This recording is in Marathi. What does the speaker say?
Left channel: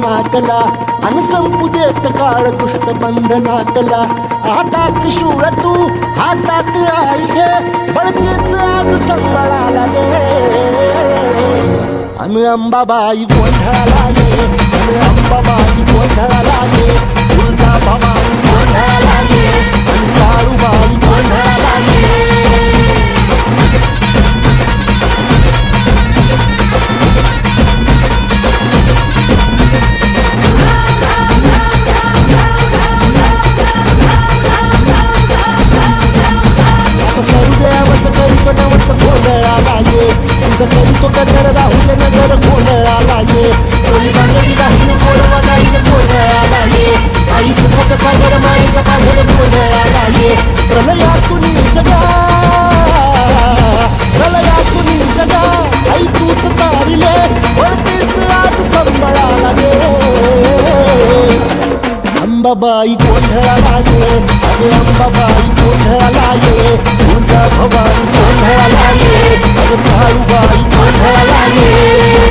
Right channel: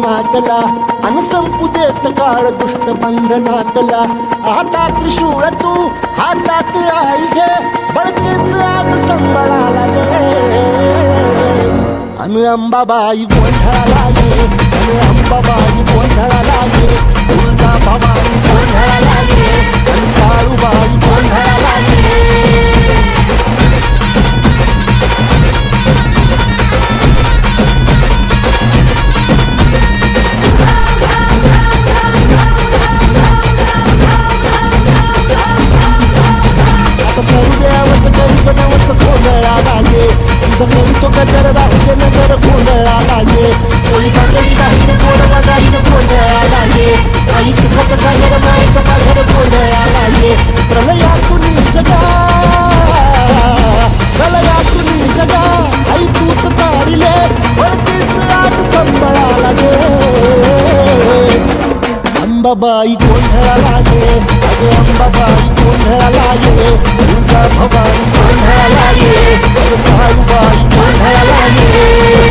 मातला अन संपू देत काळ दुष्ट बंधनातला आता त्रिशूळ तू हातात आई घे बळतेच आज संबळाला दे अन अंबाबाई गोंधळाला ये अन अंबाबाई गोंधळाला ये तुळजा भवानी गोंधळाला ये अन काळूबाई गोंधळाला ये सरुदेवस करीतो नवस गोंधळाला ये तुझं करीतो गजर राहू दे नजर गोंधळाला ये चोळी बांगडी वाहीन गोडवा गाईन गोंधळाला ये आई सुखाचा सागर मायेचा पाझर गोंधळाला ये प्रलयातून जगा प्रलयातून जगा आई तूच तारिले वळतीच आज संबळाला दे अंबाबाई गोंधळाला ये अगं अंबाबाई गोंधळाला ये तुळजा भवानी गोंधळाला ये अगं काळूबाई गोंधळाला ये